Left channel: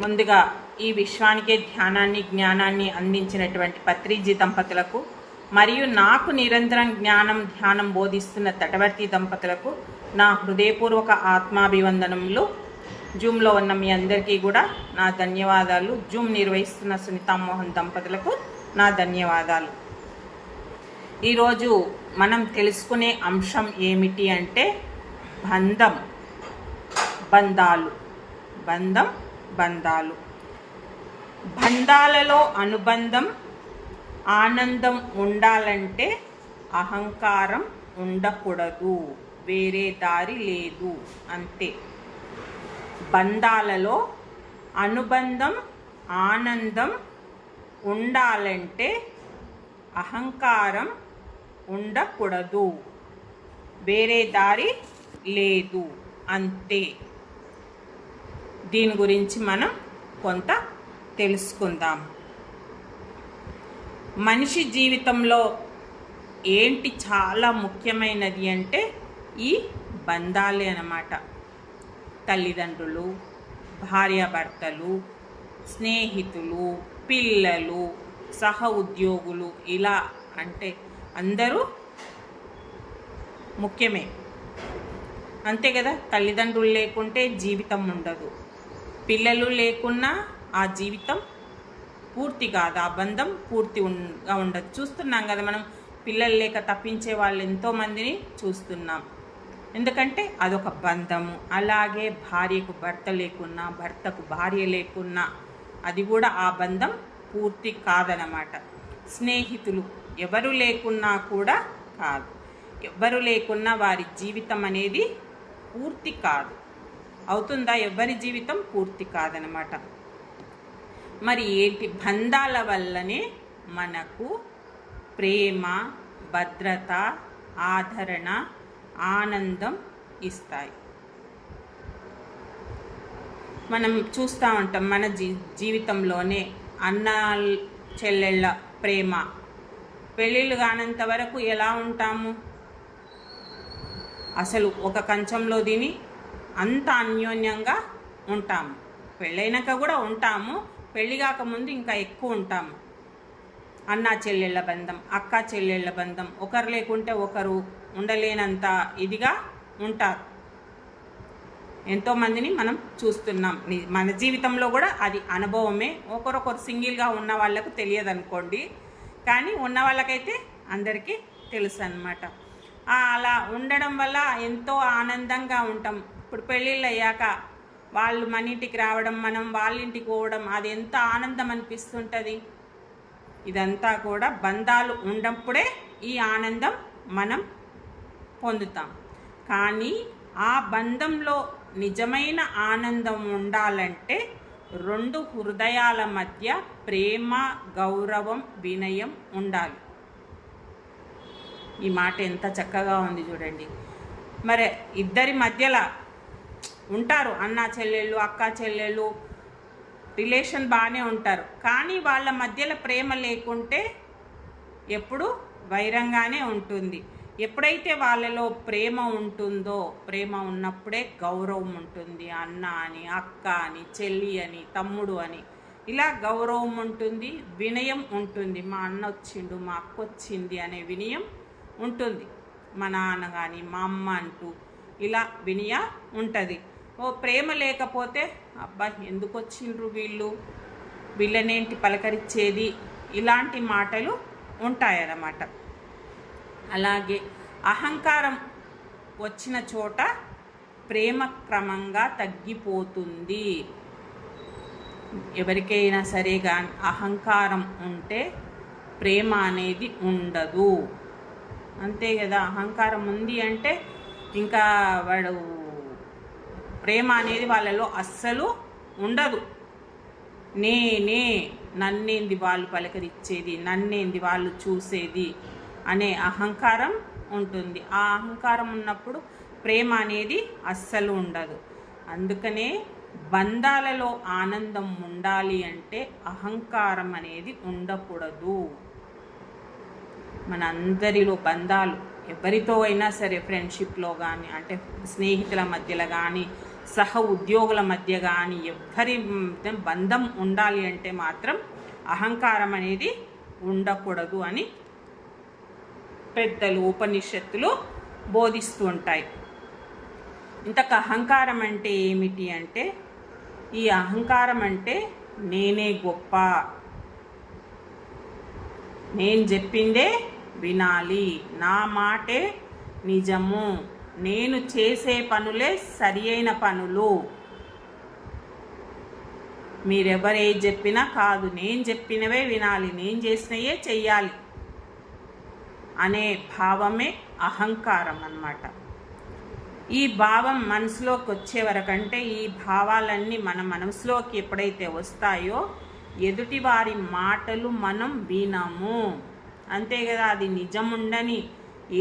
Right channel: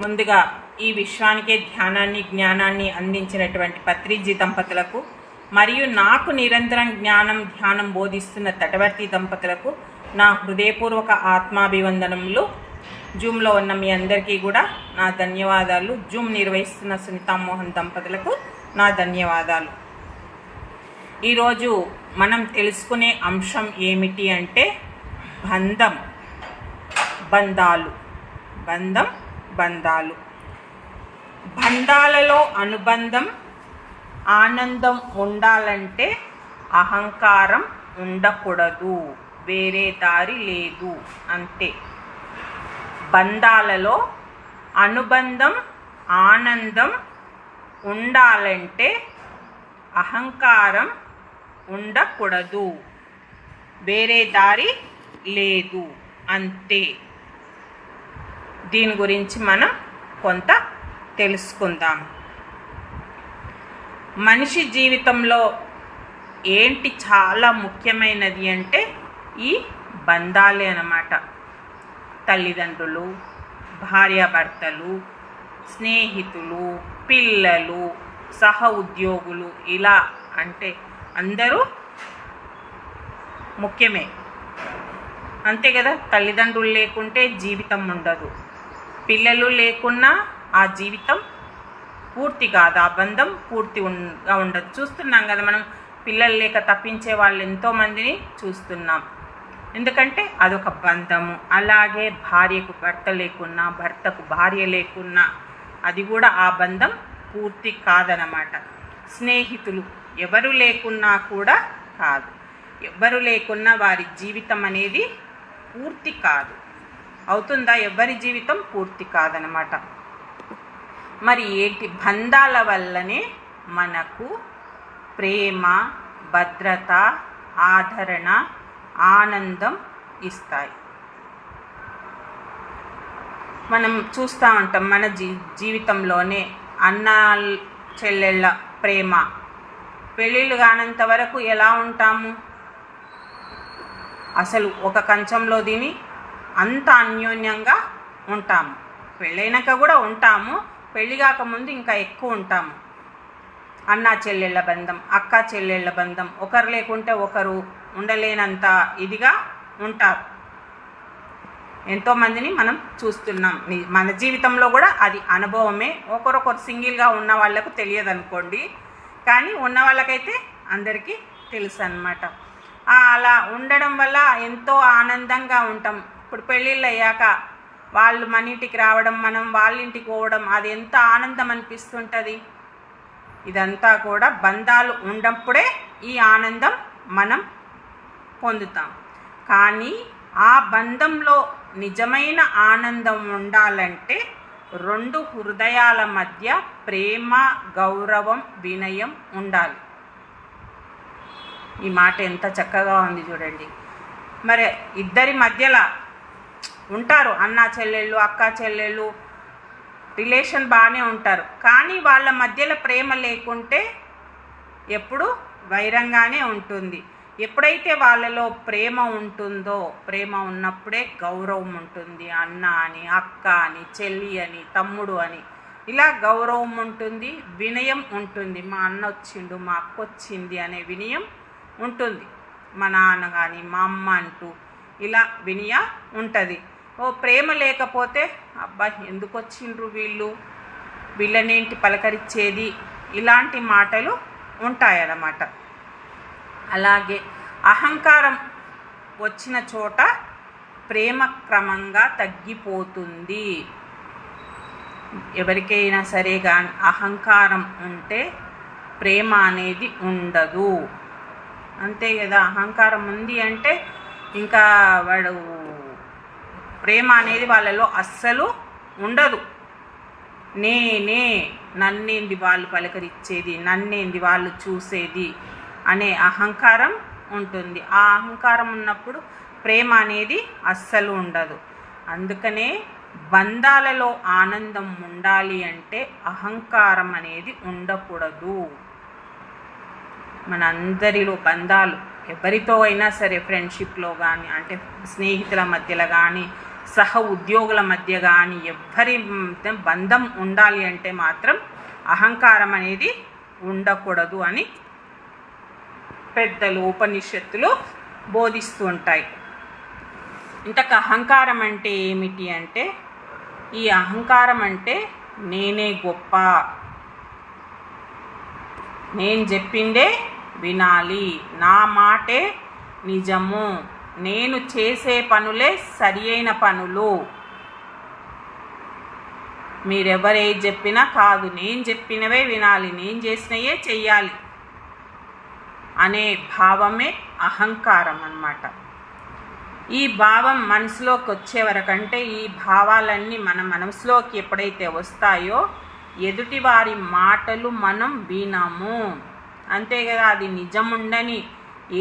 ముందుగా ఈ విశ్వానికే ధ్యానాన్ని జ్ఞానాన్ని అందించినటువంటి పత్రిజీ దంపతులకు మరియు నాకు నిరంతరం ధ్యానం బోధిస్తున్న తటవర్తి దంపతులకు నా హృదయపూర్వక ఆత్మాభివందనములు. జూమ్లో ఉన్న మీ అందరికీ కూడా నా ధన్యవాదాలు. జూమ్ నిర్వహిస్తున్న సునీతామోహన్ దంపతులకు నా ధన్యవాదాలు. ఈరోజు మనం తెలుసుకునే అంశం ఏమిటి అంటే బంధాలు. బంధాలలో అనుబంధం, ఆనందం ఉండాలంటే అహంకారం ఉండకూడదు, వేరే దారి లేదు, అంతే. బంధాలలో అనుబంధం, ఆనందం ఉండాలంటే అహంకారం ఉండకూడదు, వేరే దారి లేదు, అంతే. దీని గురించి మనం కొంత తెలుసుకుందాం. మనిషి జీవితంలో ఏంటి చాలా ముఖ్యమైనది అంటే ఈ బంధాలే అన్నమాట. తల్లిదండ్రులు, భార్యాభర్తలు, స్నేహితులు, పిల్లలు, సహ ఉద్యోగులు, ఇలా అంటే అందరూ ముఖ్యమే, అంతే కదా. తల్లిదండ్రులు లేకుంటే జీవితం ఉండదు, పిల్లలు లేకున్నా ఆ జీవితం పూర్తి కాదు, ఆ బంధం పూర్తిగా ఉండదు. చూస్తున్నాం కదా మనం, పిల్లలు లేక తప్పించే వాళ్ళు ఎంతోమందిని చూస్తున్నాం. ఎందుకంటే అదొక బంధము. అలాగే భార్యకు భర్త లేకున్నా, భర్తకు భార్య లేకున్నా అది కూడా ఆ బంధం పూర్తి కాదనమాట. స్నేహితులు ఎవరు లేకున్నా కూడా కాదు, ఎవరు లేకున్నా వారి జీవితం అనేది పూర్తి కాదు. అవుతుందా? ఎవరి జీవితం పూర్తి కాదనమాట. మరి ఏంటి? బంధాల వల్లనే మనకు ప్రేమ, భద్రత, ఆదరణ, ఆనందం ఇస్తాయి. మనం చూస్తూ ఉంటాం మన జీవితంలోనే అన్న చెల్లెళ్ళ ప్రేమ. పెళ్ళిళ్ళు కానంత వరకు ఎలా ఉంటాము? అసలు ఒక కంచంలో తిని అంత అన్యోన్యంగా ఉంటాము. పెళ్ళైనాక కూడా ఉంటాము, పెళ్ళి కాకముందు ఇంకా ఎక్కువ ఉంటాము. అన్న చెల్లెళ్ళ బంధం, అక్క చెల్లెళ్ళ బంధం, ఒకరు లేకుంటే ఒకరు ఉండలేనంత ఇదిగా ఉంటారు. ఎంతోమందిని మనం చూస్తున్నాం. మన జీవితంలో కూడా అది అనుభవమే. ఒకరొకరు సింగిల్గా ఉన్న వాళ్ళకు తెలియదు అనుకోండి, కానీ ఉన్న వాళ్ళకైతే అందరికీ తెలుసు అన్నమాట. అలా ఉండడం వల్ల ఎంతో ఆనందంగా ఉంటాం. ఇప్పుడు పెళ్ళిళ్ళు అయ్యాక వాళ్ళు మన ఇంటికి రావడం, మనం వాళ్ళ ఇంటికి పోవడం, అది ఎంత ఆనందం అనిపిస్తుంటుంది. ఇదంతా కూడా బంధాలు ఉన్నప్పుడే ఈ ఆనందం మనం పొందుతాం. కానీ ఆ బంధంలో నిజమైన ఆనందం ఉండాలంటే రెండు హృదయాల మధ్య ప్రేమ, గౌరవం, వినయం ఉండాలి. ఈ మాట ఎంత చక్కగా ఉంది చూడండి. మరి ఇద్దరి మధ్యలో ఉంటారు, అన్న చెల్లెళ్ళు, అక్క చెల్లెళ్ళు, రిలేషన్ బాగానే ఉంటారు. కానీ వాళ్ళ మధ్యలో ప్రేమ లేకుంటే ఎప్పుడు వైరంగానే ఉంటుంది. ఎప్పుడైతే వాళ్ళలో ప్రేమ ఉంటుందో, ప్రేమ ఉన్నప్పుడే గౌరవం ఉంటుంది. అన్న అని, అక్క అని, చెల్లి అని, తమ్ముడు అని, ఇలా గౌరవం ఉంటుంది, వినయం ఉంటుంది. మా అన్న వచ్చిండు, మా అక్క వచ్చింది అనే వినయం ఉంటుంది. మా నాన్న కానీ మా అమ్మ అంటూ ఇలా వినయ ఉంటుంది. ప్రేమ లేకపోతే అబ్బా ఎందుకు వచ్చిండ్రు వీళ్ళనేంటి పలకరించేది, ఇలాంటి మాటలు ఉంటాయన్నమాట. అలాగే అహంకారం వచ్చిన చోట ప్రేమ క్రమంగా తగ్గిపోతుంది. ఎవరికైనా సరే కానీ అహంకారం ఉంటే ప్రేమ అనేది ఉండదు, అంతే కదా. అహంకారం ఉంది అంటే ఇంకా వాడు ప్రేమ అనేది వాళ్ళలో అస్సలు ఉండదు. నన్నేంది వాళ్ళు పలకరించేది, నన్నేంది వాళ్ళు చూసేది అనే అహంకారం ఉంటుంది. ఆ అహంకారం ఉన్నప్పుడు ప్రేమ అనేది అస్సలు ఉండదు. అందుకనే బంధాలలో ఆనందం ఉండాలి అంటే అహంకారం అనేది ఉండకూడదు. మనందరిలో బంధాలు ఎవరితో అయినా సరే, ఫ్రెండ్షిప్లో కానీ, అంటే స్నేహితుల మధ్యలో కానీ, సహ ఉద్యోగుల మధ్య కానీ ఎవ్వరి బంధం ఉండాలి అంటే మాత్రం అహంకారం అనేది ఉండకూడదు అని పెద్దలు ఉపనిషత్తులు బోధిస్తూ ఉంటాయి. ఇంతకు అహంకారం అంటే ఏమిటి అంటే, ఈ అహంకారం అంటే నేనే గొప్ప, నేను చెప్పిందే వినాలి, నా మాటే నిజము, నేను చేసే పనులే సరి అయిన పనులు, మీరెవరే చెప్పినా కాదు, నేను చెప్పినవే వినాలి, నేను చేసినవే చెయ్యాలి అనే భావమే అహంకారం అన్నమాట. ఈ భావం మనసులోకి వచ్చే వరకంటే, ఈ భావాలన్నీ మన మనసులోకి ఎప్పుడైతే వస్తాయో ఎదుటి వారి మాటలు మనం వినము. అంతే కదా, అది నిజం ఉండని,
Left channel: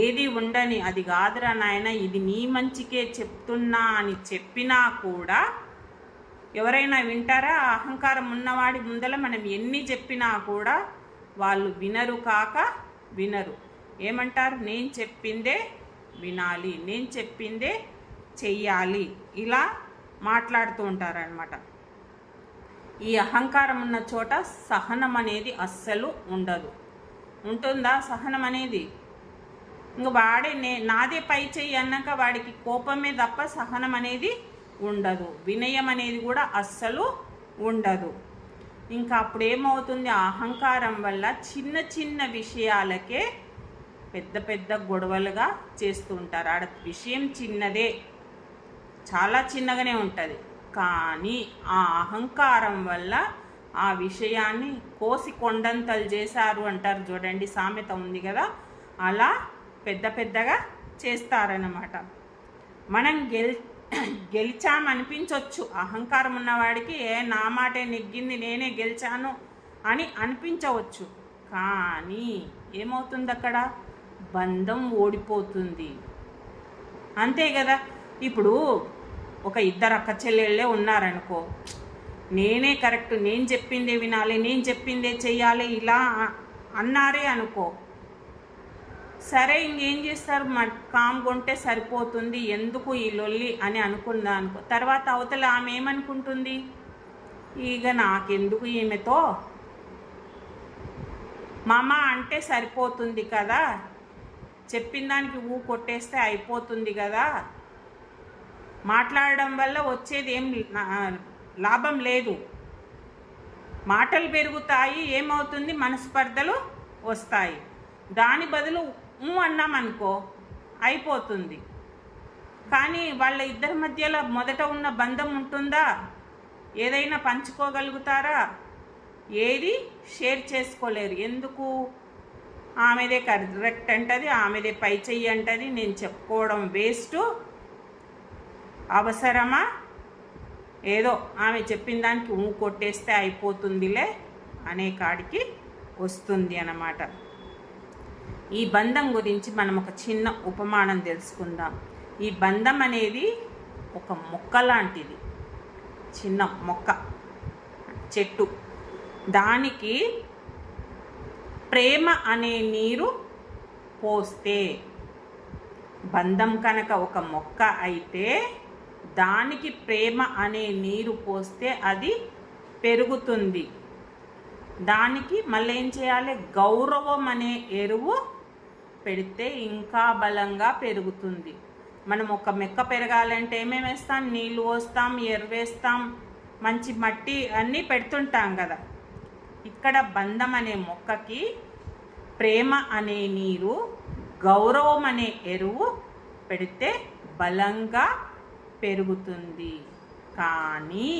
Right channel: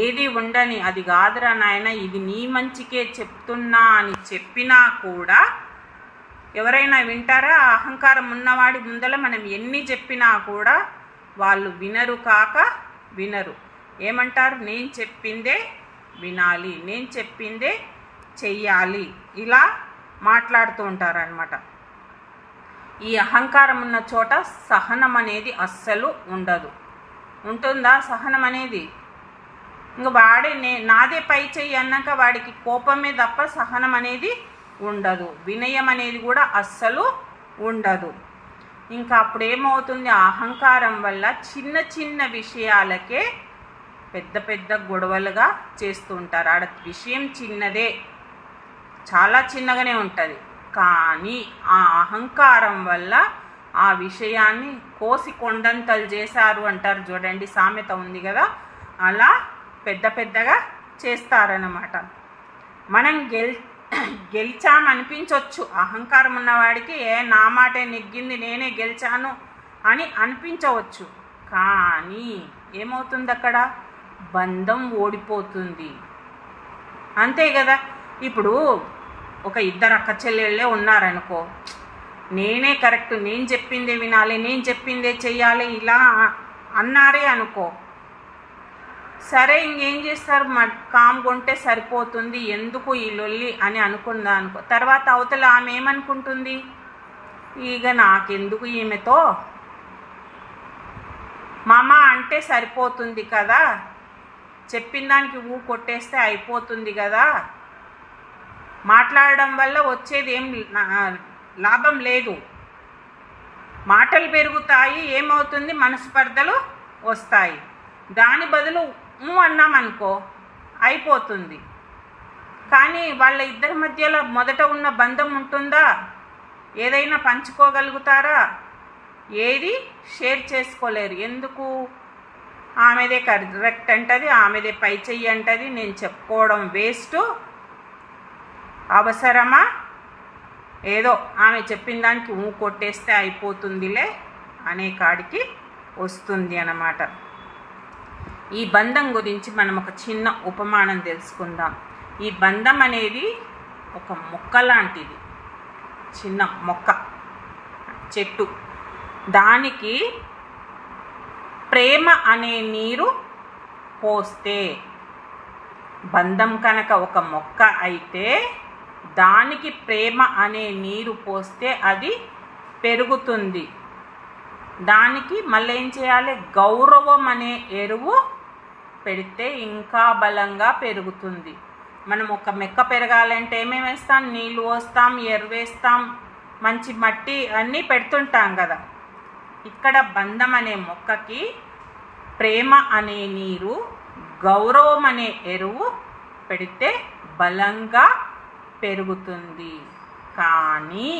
ఏది ఉండని, అది కాదురా నాయన ఇది నీ మంచికే చెప్తున్నా అని చెప్పినా కూడా ఎవరైనా వింటారా? అహంకారం ఉన్నవాడి ముందల మనం ఎన్ని చెప్పినా కూడా వాళ్ళు వినరు కాక వినరు. ఏమంటారు? నేను చెప్పిందే వినాలి, నేను చెప్పిందే చెయ్యాలి, ఇలా మాట్లాడుతూ ఉంటారనమాట. ఈ అహంకారం ఉన్న చోట సహనం అనేది అస్సలు ఉండదు. ఉంటుందా సహనం అనేది? ఇంక వాడే నాదే పై చెయ్యి అన్నాక వాడికి కోపమే తప్ప సహనం అనేది ఉండదు, వినయం అనేది కూడా అస్సలు ఉండదు. ఇంకా అప్పుడు ఏమవుతుంది? అహంకారం వల్ల చిన్న చిన్న విషయాలకే పెద్ద పెద్ద గొడవలుగా చేస్తూ ఉంటారు. ఆడ విషయం చిన్నదే, చాలా చిన్నగానే ఉంటుంది, కానీ ఆ అహంకారం వల్ల ఆ విషయాన్ని కోసి కొండంతలు చేశారు అంటారు చూడండి, సామెత ఉంది కదా, అలా పెద్ద పెద్దగా చేస్తారన్నమాట. మనం గెలిచామనిపించవచ్చు, అహంకారం ఉన్నవాడికి నా మాటే నెగ్గింది, నేనే గెలిచాను అని అనిపించవచ్చు, కానీ ఏమవుతుంది అక్కడ? బంధం ఓడిపోతుంది. అంతే కదా. ఇప్పుడు ఒక ఇద్దరు అక్క చెల్లెళ్ళే ఉన్నారనుకో, నేనే కరెక్ట్, నేను చెప్పిందే వినాలి, నేను చెప్పిందే చెయ్యాలి ఇలా అన్నారే అనుకో, సరే ఇంకేం చేస్తారు? కామ్గుంటే సరిపోతుంది, ఎందుకు ఈ లొల్లి అని అనుకుందా అనుకో. తర్వాత అవతల ఆమె ఏమనుకుంటుంది? ఇక నాకెందుకు ఈమెతో, మామ అంటే సరిపోతుంది కదా, చెప్పిన దానికి కొట్టేస్తే అయిపోతుంది కదా, మాట్లాడడం వల్ల వచ్చేది ఏం లాభం లేదు, మాటలు పెరుగుతాయి, ఏమవుతుంది? మనస్పర్ధలు వస్తాయి. దాని బదులు అన్నామనుకో అయిపోతుంది. కానీ వాళ్ళ ఇద్దరి మధ్యలో మొదట ఉన్న బంధం ఉంటుందా? ఏదైనా పంచుకోగలుగుతారా? ఏది షేర్ చేసుకోలేరు. ఎందుకు? ఆమెదే కరెక్ట్ అంటది, ఆమెదే పై చెయ్యి అంటది, నేను చెప్పుకోవడం వేస్ట్, అవసరమా? ఏదో ఆమె చెప్పిన దానికి కొట్టేస్తే అయిపోతుందిలే అనే కాడికి వస్తుంది అన్నమాట. ఈ బంధం గురించి మనం ఒక చిన్న ఉపమానం తెలుసుకుందాం. ఈ బంధం అనేది ఒక మొక్క లాంటిది, చిన్న మొక్క, చెట్టు. దానికి ప్రేమ అనే నీరు పోస్తే, బంధం కనుక ఒక మొక్క అయితే దానికి ప్రేమ అనే నీరు పోస్తే అది పెరుగుతుంది. దానికి మళ్ళీ ఏం చేయాలి? గౌరవం అనే ఎరువు పెడితే ఇంకా బలంగా పెరుగుతుంది. మనం ఒక మొక్క పెరగాలంటే ఏమేమి వేస్తాం? నీళ్ళు పోస్తాం, ఎరువేస్తాం, మంచి మట్టి అన్నీ పెడుతుంటాం కదా. ఇక్కడ బంధం అనే మొక్కకి ప్రేమ అనే నీరు, గౌరవం అనే ఎరువు పెడితే బలంగా పెరుగుతుంది. కానీ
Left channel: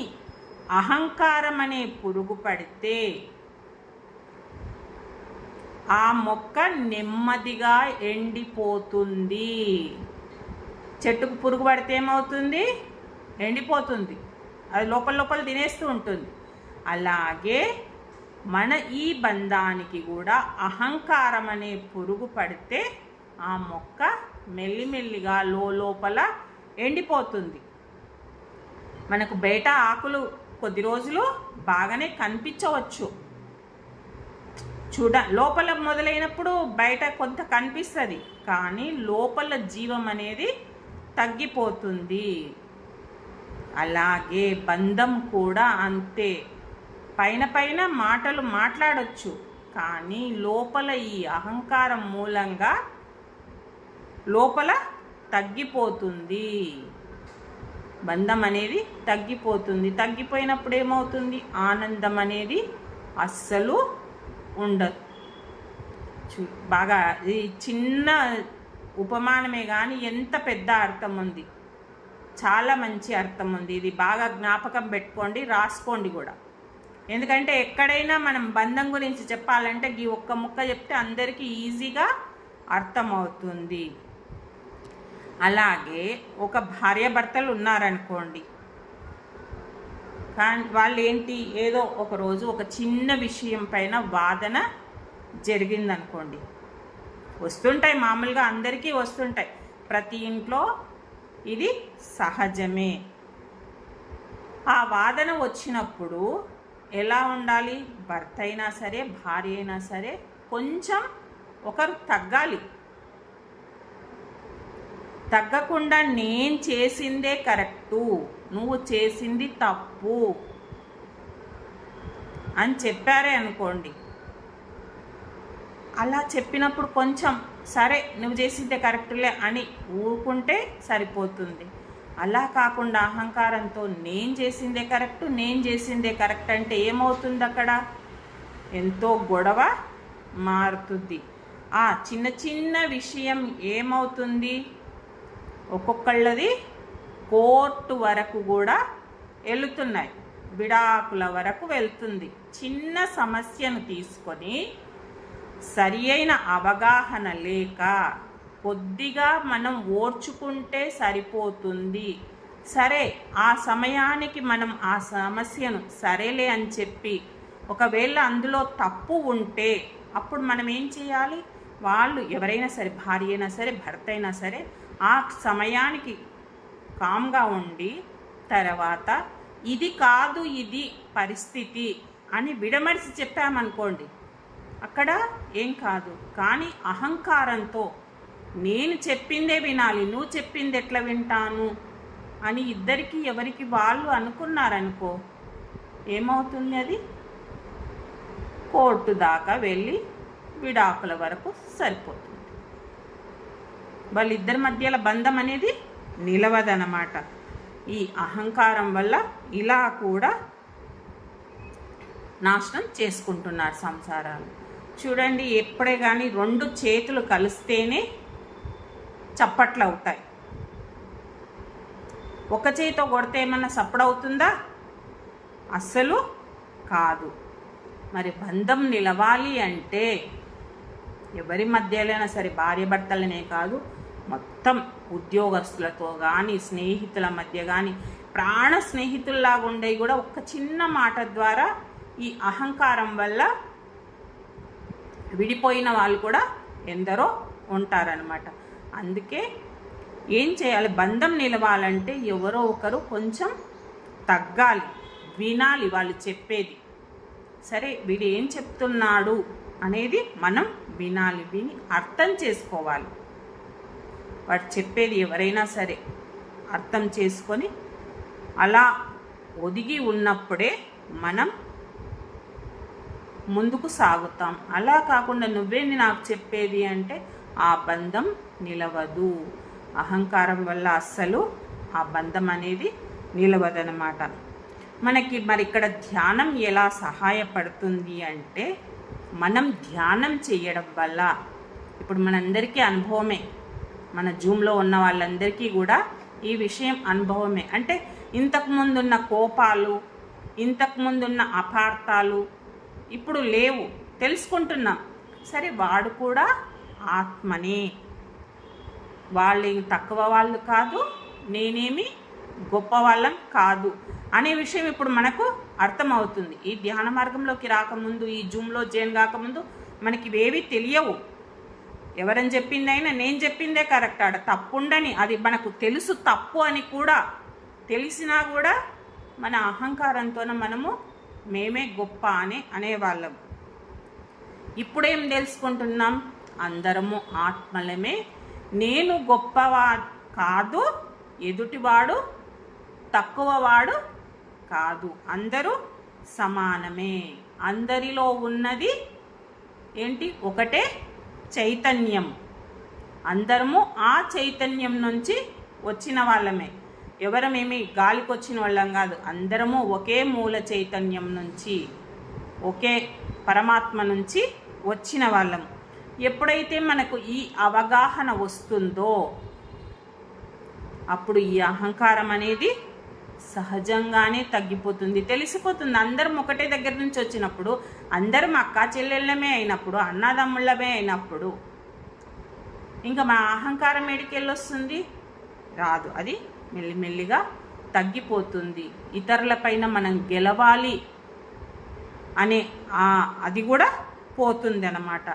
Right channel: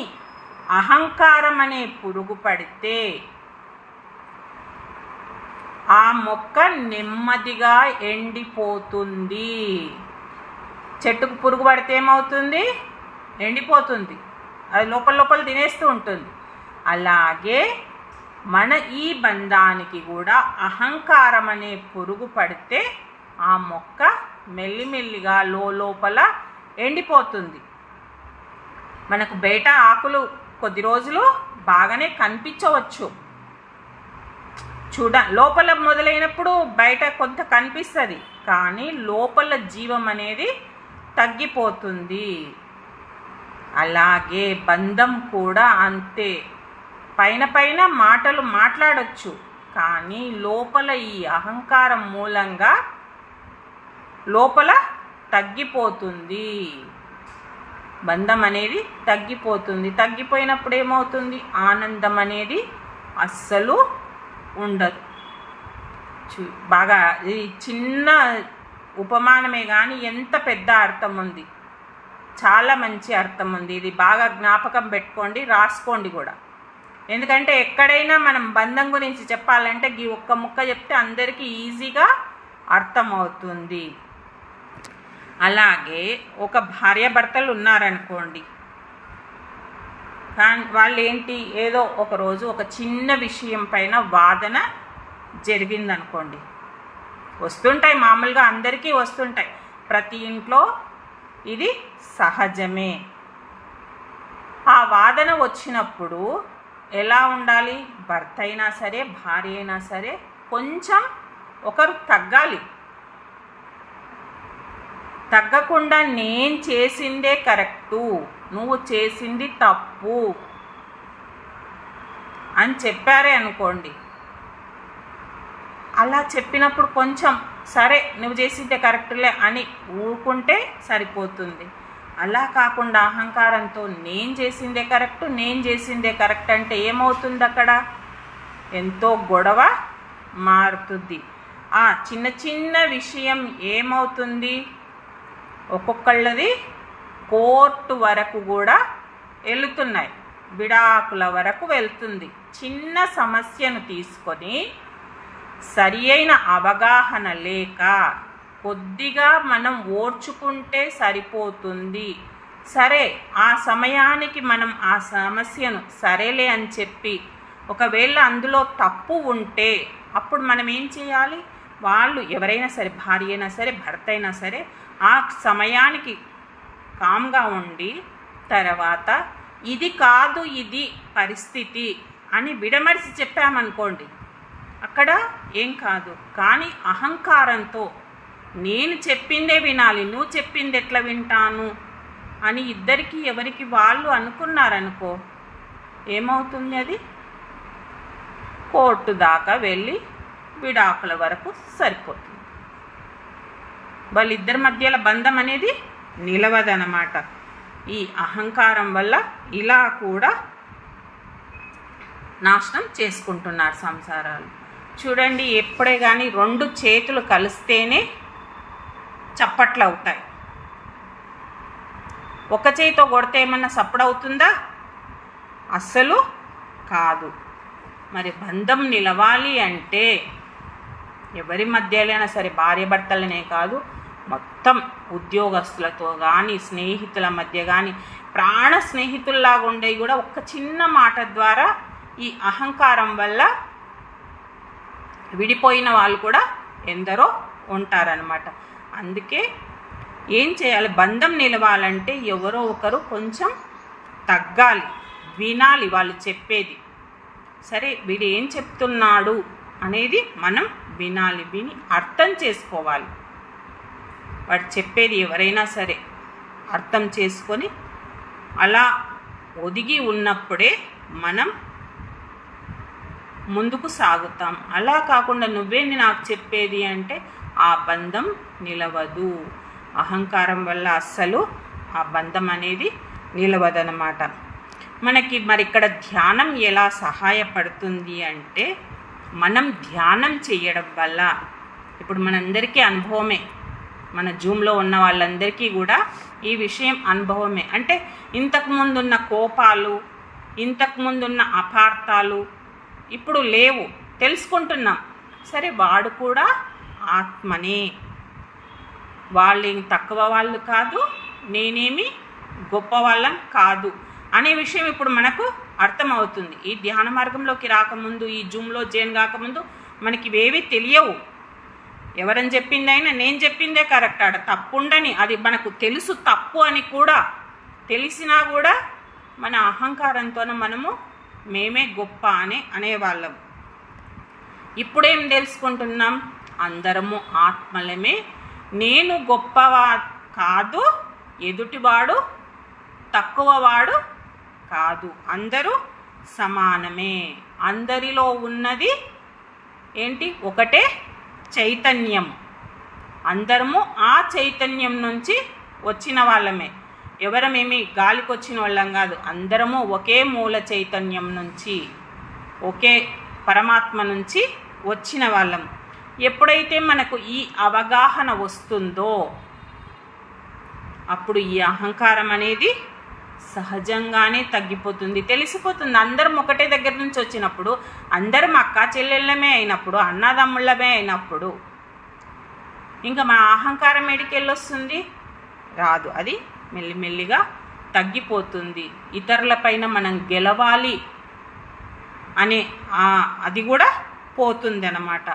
అహంకారం అనే పురుగు పడితే ఆ మొక్క నెమ్మదిగా ఎండిపోతుంది. చెట్టుకు పురుగు పడితే ఏమవుతుంది? ఎండిపోతుంది, అది లోపల తినేస్తూ ఉంటుంది. అలాగే మన ఈ బంధానికి కూడా అహంకారం అనే పురుగు పడితే ఆ మొక్క మెల్లిమెల్లిగా లోపల ఎండిపోతుంది. మనకు బయట ఆకులు కొద్ది రోజులు బాగానే కనిపించవచ్చు, లోపల మొదలైనప్పుడు బయట కొంత కనిపిస్తుంది, కానీ లోపల జీవం అనేది తగ్గిపోతుంది. అలాగే బంధం కూడా అంతే. పైన పైన మాటలు మాట్లాడొచ్చు, కానీ లోపల ఈ అహంకారం మూలంగా లోపల తగ్గిపోతుంది. బంధం అనేది తగ్గిపోతుంది. తగ్గిపోయినప్పుడు ఏమవుతుంది? ఆనందం అనేది అస్సలు ఉండదు. బాగా ఈ చిన్న ఉపమానమే కానీ ఎంత పెద్ద అర్థం ఉంది, చాలా మంచి అర్థం ఉంది. ఇది బాగా జ్ఞాపకం పెట్టుకోండి, రాసుకోండి కూడా. ఎందుకంటే ఎక్కడైనా మనం బంధం గురించి చెప్పాలంటే ఈ ఒక్క ముక్క చెప్తే అందరికీ ఈజీగా అర్థమవుతుంది. అలాగే ఒక భార్యాభర్తలు ఉన్నారనుకోండి, కానీ వాళ్ళు ఏంటి, ఏదో ఒకరోజు ఒక చిన్న విషయం పైన వాదన జరిగిందనుకోండి. వస్తుంటాయి, మామూలుగా అందరికీ వస్తుంటాయి, ప్రతి ఇంట్లో ఇది సహజమే. ఆ వాదన వచ్చినప్పుడు ఎలా ఉండాలి? భర్త అయినా సరే, భార్య అయినా సరే కొంచెం ఒకరు తగ్గాలి. తగ్గకుండా నేను చేసిందే కరెక్టు, నువ్వు చేసింది తప్పు అని చెప్పారే అనుకోండి. అలా చెప్పినప్పుడు కొంచెం సరే నువ్వు చేసిందే కరెక్ట్లే అని ఊరుకుంటే సరిపోతుంది. అలా కాకుండా అహంకారంతో నేను చేసిందే కరెక్ట్ అంటే ఏమవుతుంది? అక్కడ ఎంతో గొడవ మారుతుంది. ఆ చిన్న చిన్న విషయం ఏమవుతుంది? ఒక్కొక్కళ్ళది కోర్టు వరకు కూడా వెళుతున్నాయి, విడాకుల వరకు వెళ్తుంది. చిన్న సమస్యను తీసుకొని సరి అయిన అవగాహన లేక కొద్దిగా మనం ఓర్చుకుంటే సరిపోతుంది. సరే, ఆ సమయానికి మనం ఆ సమస్యను సరేలే అని చెప్పి, ఒకవేళ అందులో తప్పు ఉంటే అప్పుడు మనం ఏం చేయాలి? వాళ్ళు ఎవరైనా సరే, భార్య అయినా సరే, భర్త అయినా సరే, ఆ సమయానికి కామ్గా ఉండి తర్వాత ఇది కాదు ఇది పరిస్థితి అని విడమరిచి చెప్పామనుకోండి, అక్కడ ఏం కాదు. కానీ అహంకారంతో నేను చెప్పిందే వినాలి, నువ్వు చెప్పింది ఎట్లా వింటాను అని ఇద్దరికి ఎవరికి వాళ్ళు అనుకున్నారనుకో, ఏమవుతుంది? అది కోర్టు దాకా వెళ్ళి విడాకుల వరకు సరిపోతుంది. వాళ్ళిద్దరి మధ్యలో బంధం అనేది నిలవదనమాట. ఈ అహంకారం వల్ల ఇలా కూడా నాశనం చేసుకుంటున్నారు సంసారాలు. చూడండి, ఎప్పుడే కానీ రెండు చేతులు కలిస్తేనే చప్పట్లు అవుతాయి. ఒక చేతితో కొడితే ఏమన్నా సప్పుడవుతుందా? అస్సలు కాదు. మరి బంధం నిలవాలి అంటే ఎవరి మధ్యలోనైనా సరే, భార్య భర్తలనే కాదు, మొత్తం ఉద్యోగస్తులతో కానీ, స్నేహితుల మధ్య కానీ, ప్రాణ స్నేహితుల్లాగా ఉండేవి కూడా ఒక్క చిన్న మాట ద్వారా ఈ అహంకారం వల్ల విడిపోయిన వాళ్ళు కూడా ఎందరో ఉంటారనమాట. అందుకే ఏం చేయాలి? బంధం నిలవాలంటే ఎవరో ఒకరు కొంచెం తగ్గాలి, వినాలి వాళ్ళు చెప్పేది. సరే, వీడు ఏం చెప్తున్నాడు అనేది మనం వినాలి, విని అర్థం చేసుకోవాలి. వాడు చెప్పేది ఎవరైనా సరే అర్థం చేసుకొని అలా ఒదిగి ఉన్నప్పుడే మనం ముందుకు సాగుతాం. అలా కాకుండా నువ్వేంది నాకు చెప్పేది అంటే ఆ బంధం నిలవదు. అహంకారం వల్ల అస్సలు ఆ బంధం అనేది నిలవదనమాట. మనకి మరి ఇక్కడ ధ్యానం ఎలా సహాయపడుతుంది అంటే, మనం ధ్యానం చేయడం వల్ల, ఇప్పుడు మనందరికీ అనుభవమే, మన జూమ్లో ఉన్న వాళ్ళందరికీ కూడా ఈ విషయం అనుభవమే. అంటే ఇంతకుముందున్న కోపాలు, ఇంతకుముందున్న అపార్థాలు ఇప్పుడు లేవు, తెలుసుకుంటున్నాం. సరే, వాడు కూడా ఆత్మనే, వాళ్ళేం తక్కువ వాళ్ళు కాదు, నేనేమి గొప్ప వాళ్ళం కాదు అనే విషయం ఇప్పుడు మనకు అర్థమవుతుంది. ఈ ధ్యాన మార్గంలోకి రాకముందు, ఈ జూమ్లో జాయిన్ కాకముందు మనకి ఇవేవి తెలియవు. ఎవరని చెప్పిందైనా నేను చెప్పిందే కరెక్ట్, ఆడ తప్పుండని అది మనకు తెలుసు, తప్పు అని కూడా తెలిసినా కూడా మన అహంకారంతోనే మనము మేమే గొప్ప అని అనేవాళ్ళం. ఇప్పుడేం తెలుసుకుంటున్నాం? అందరము ఆత్మలమే, నేను గొప్పవా కాదు, ఎదుటివాడు తక్కువవాడు కాదు, అందరూ సమానమే. అందరిలో ఉన్నది ఏంటి? ఒకటే చైతన్యం. అందరము ఆ చైతన్యం నుంచి వచ్చిన వాళ్ళమే. ఎవరమేమి గాలికి వచ్చిన వాళ్ళం కాదు, అందరము ఒకే మూల చైతన్యం నుంచి, ఒకే పరమాత్మ నుంచి వచ్చిన వాళ్ళం. ఎప్పుడైతే మనకు ఈ అవగాహన వస్తుందో అప్పుడు ఈ అహంకారం అనేది సహజంగానే తగ్గిపోతుంది, తెలిసిపోతుంది. అందరం ఒకటే దగ్గర నుంచి వచ్చినప్పుడు, అందరం అక్కా చెల్లెళ్ళమే అయినప్పుడు, అన్నదమ్ముళ్ళమే అయినప్పుడు ఇంకా మన అహంకారం ఎడికెళ్ళొస్తుంది? రాదు. అది మెల్లిమెల్లిగా తగ్గిపోతుంది. ఇతరులపైన మనం గెలవాలి అనే అది కూడా పోతుంది అన్నమాట.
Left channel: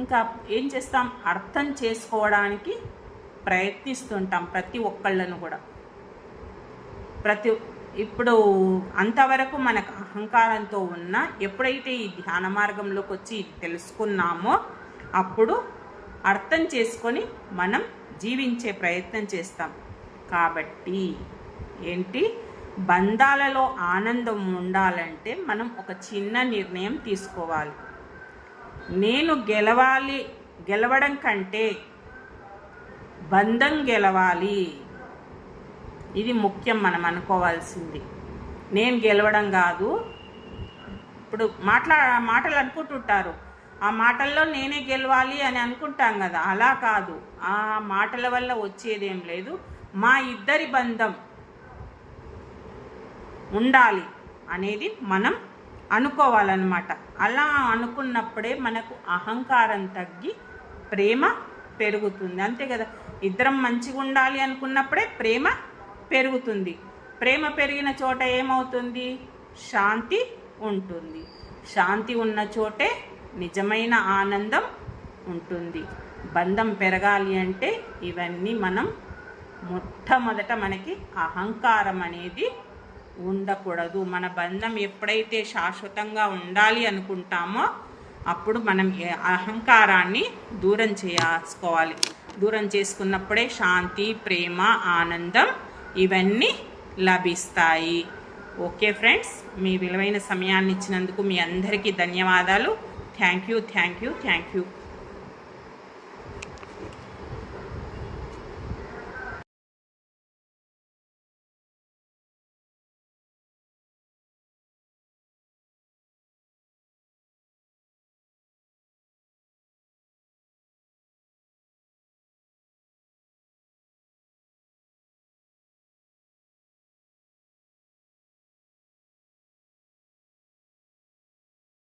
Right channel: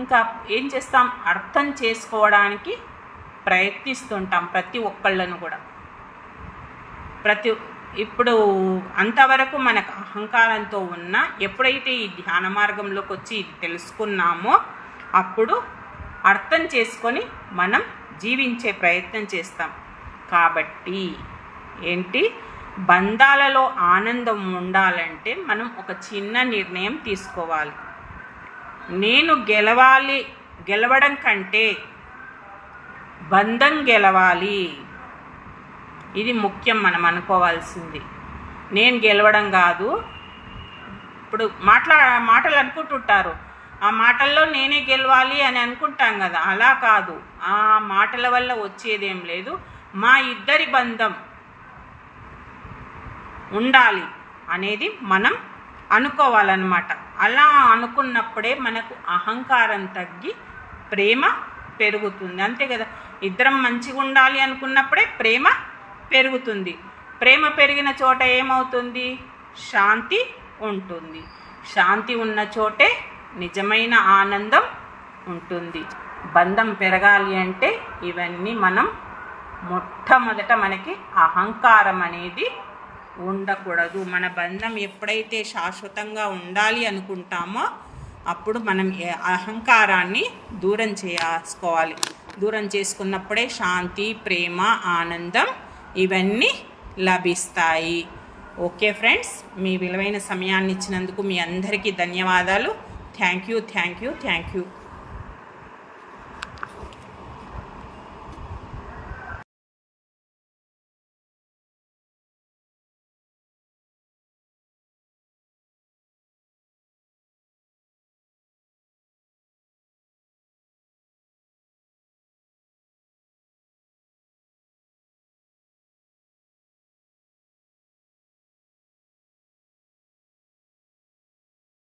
ఇంకా ఏం చేస్తాం? అర్థం చేసుకోవడానికి ప్రయత్నిస్తుంటాం ప్రతి ఒక్కళ్ళను కూడా. ఇప్పుడు అంతవరకు మనకు అహంకారంతో ఉన్న, ఎప్పుడైతే ఈ ధ్యాన మార్గంలోకి వచ్చి ఇది తెలుసుకున్నామో అప్పుడు అర్థం చేసుకొని మనం జీవించే ప్రయత్నం చేస్తాం. కాబట్టి ఏంటి? బంధాలలో ఆనందం ఉండాలంటే మనం ఒక చిన్న నిర్ణయం తీసుకోవాలి. నేను గెలవడం కంటే బంధం గెలవాలి. ఇది ముఖ్యం మనం అనుకోవాల్సింది. నేను గెలవడం కాదు. ఇప్పుడు మాటలు అనుకుంటుంటారు, ఆ మాటల్లో నేనే గెలవాలి అని అనుకుంటాం కదా, అలా కాదు. ఆ మాటల వల్ల వచ్చేదేం లేదు. మా ఇద్దరి బంధం ఉండాలి అనేది మనం అనుకోవాలన్నమాట. అలా అనుకున్నప్పుడే మనకు అహంకారం తగ్గి ప్రేమ పెరుగుతుంది. అంతే కదా, ఇద్దరం మంచిగా ఉండాలి అనుకున్నప్పుడే ప్రేమ పెరుగుతుంది. ప్రేమ పెరిగిన చోట ఏమవుతుంది? శాంతి ఉంటుంది. శాంతి ఉన్న చోటే నిజమైన ఆనందం ఉంటుంది. బంధం పెరగాలి అంటే ఇవన్నీ మనం మొట్టమొదట మనకి అహంకారం అనేది ఉండకూడదు. మన బంధం ఎప్పుడైతే శాశ్వతంగా ఉండాలి అనుకుంటామో అప్పుడు మనం అహంకారాన్ని దూరం చేసుకోవాలి. దూరం చేసుకున్నప్పుడే శాంతి, ప్రేమ, ఆనందం ఇవన్నీ లభిస్తాయి. ఓకే ఫ్రెండ్స్, మీ విలువైన సమయాన్ని ఇచ్చినందుకు మీ అందరికీ ధన్యవాదాలు. Thank you.